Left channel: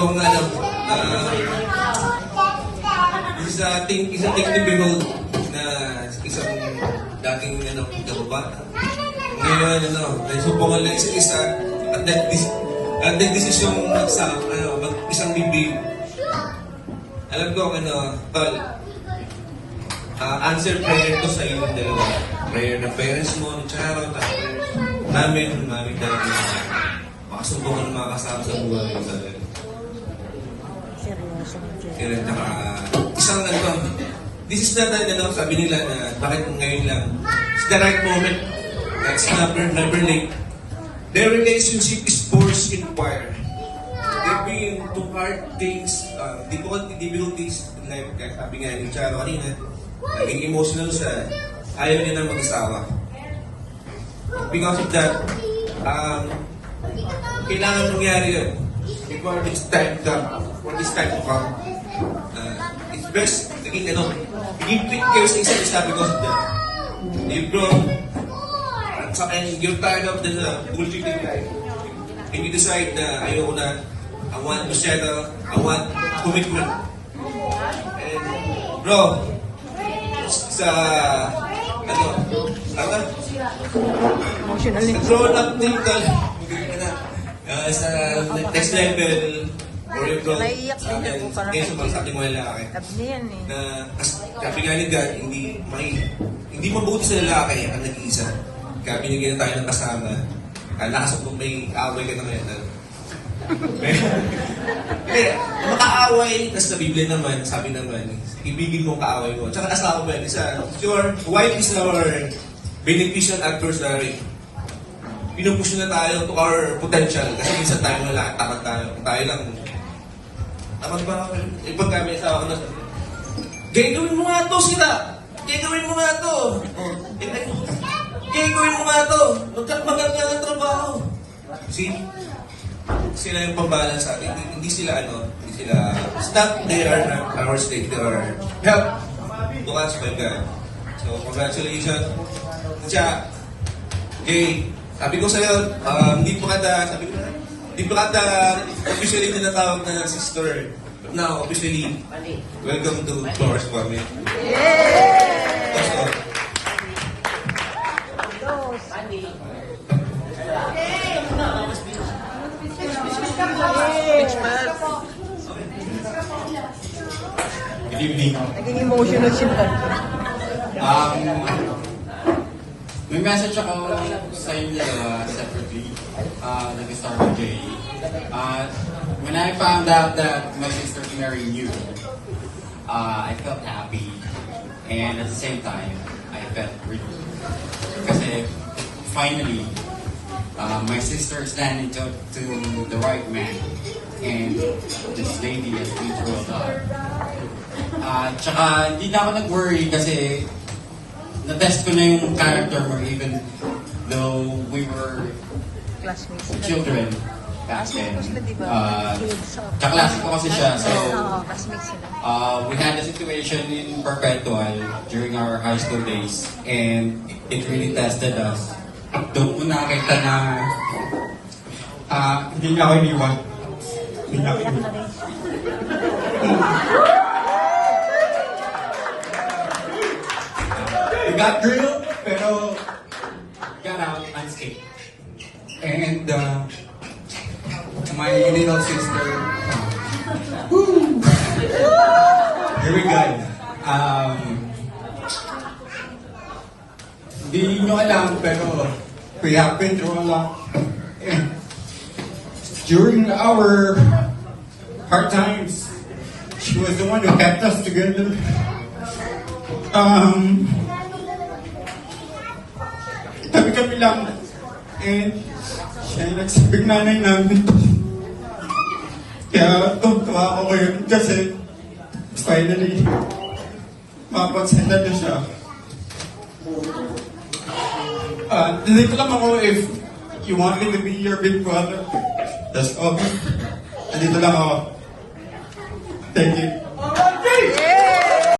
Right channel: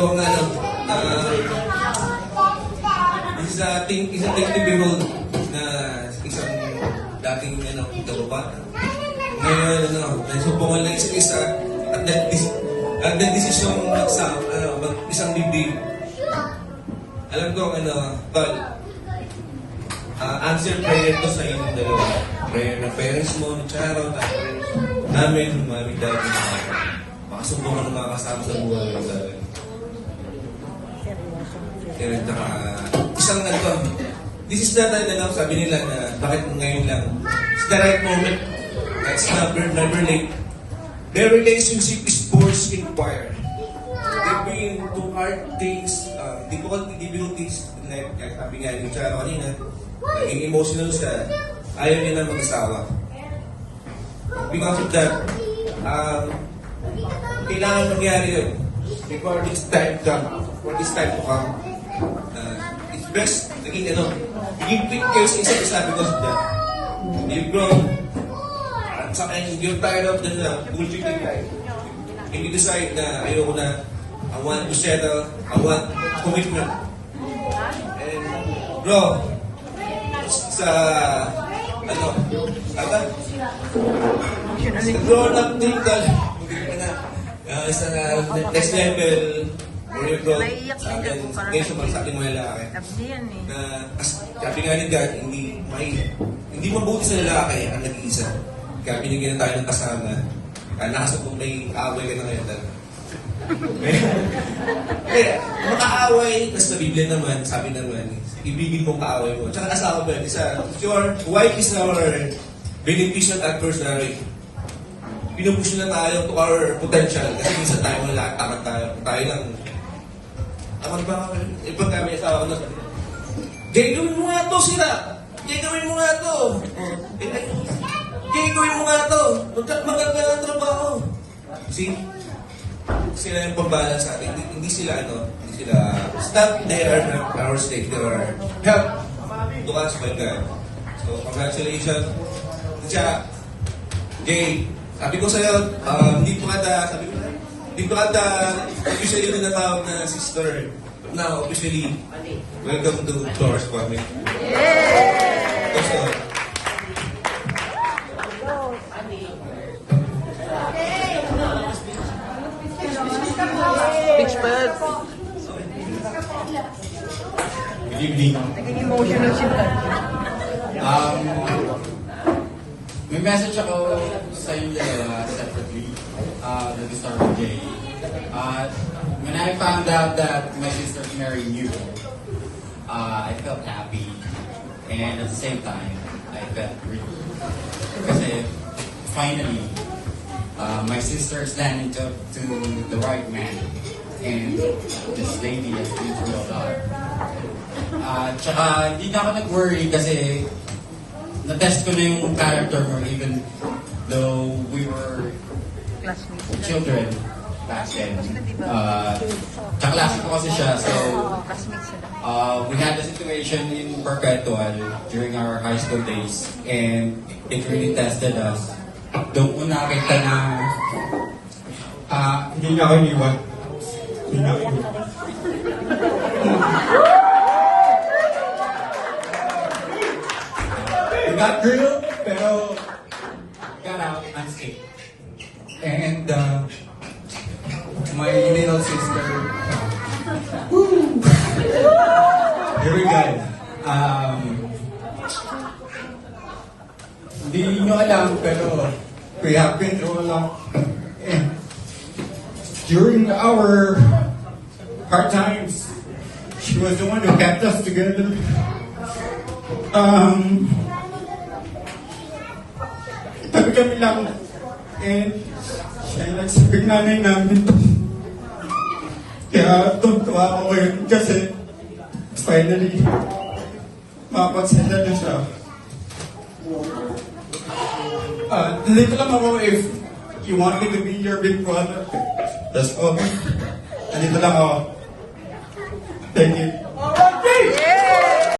kung ano, isa typical na isang dating kababata. Ngayon, nagsubukan ng isa't isa at nagdesisyon mag-isang bibig. Alam ko, answer prayer ko sa inyong dalawa. Prayer ng parents mo, Charon, namin, mami, daddy. Makasubukan ng mga kasama sa buhay ng dalawa. Kaya isang this is not sabi nila na bakit ngayon lang. It's the right moment. It's never late. Their relationship is forced in choir. They're being to hard things, difficulties in life. Kaya sabi nga yung Charo kanina, naging emotional siya, ayaw niya na mag-asawa. Because of that, kailangan mangyari yun. Before this time to come, it's best, naging give care sa isa't isa because of that. You've grown, and you're tired of the bullshitting life. And you decide na ayoko na, I want to settle, I want commitment. And bro, sa grown up dito, sa next level, or yung growth, ngayon sa pag-sabi mo lalaki, na sabi nga ni God, hindi mabuti sa lalaki ang nag-iisa. Kaya binigyan tayo ng kasama, nakasabog may kaaway ka ng mental. Kaya, makaaway, tapos sa Biblia naman, sabi naman, ibigin mong kaaway mo. Tsaka nasa ako ba yun, your wife is our beneficial adversary. Pinupush na tayo to our potential, kasi minsan tayo lahat, tamad tayo. Tayo lang, tamad ba ako? Pag kami asawa ko na sabi, gagawin mo nga to sila! Gagawin mo nga to! Gagawin mo nga to! Maganda ang trabaho! See? Sila yung pambalan sa atin. Hindi sila, it's not they are our slave, they are help to us by God. So, congratulations. Tsaka, Jay, sabi ko sa'yo, hindi pa kada officially na natawag na sister. But now, officially, welcome to Flores Family. That's all. Good evening. May message ako sa inyo dalawa separately. Let me start with Jay. When I found out that my sister married you, I felt happy. And at the same time, I felt grief. Kasi finally, my sister is standing to the right man. And this lady has been through a lot. Tsaka hindi na ako nag-worry kasi na-test ko na yung character mo even though we were children back then. Kaklase ko kasi siya, so we had a situation in Perpetual during our high school days and it really tested us. Doon ko nakita na hindi nga ako iniwan. Hindi nga ako iniwan. We got drilled, pero got out unscathed. And my little sister, here we go. Hindi nyo alam, pero we have been through a lot. During our hard times, she was the one who kept us together. Kami lang. And siya yung nagsabing nanay namin. Kaya tuwa ako ngayon kasi finally mapagsanda na siya. Nandito lang ako if you want me to be your big brother. That's okay. Nandito lang ako. Thank you.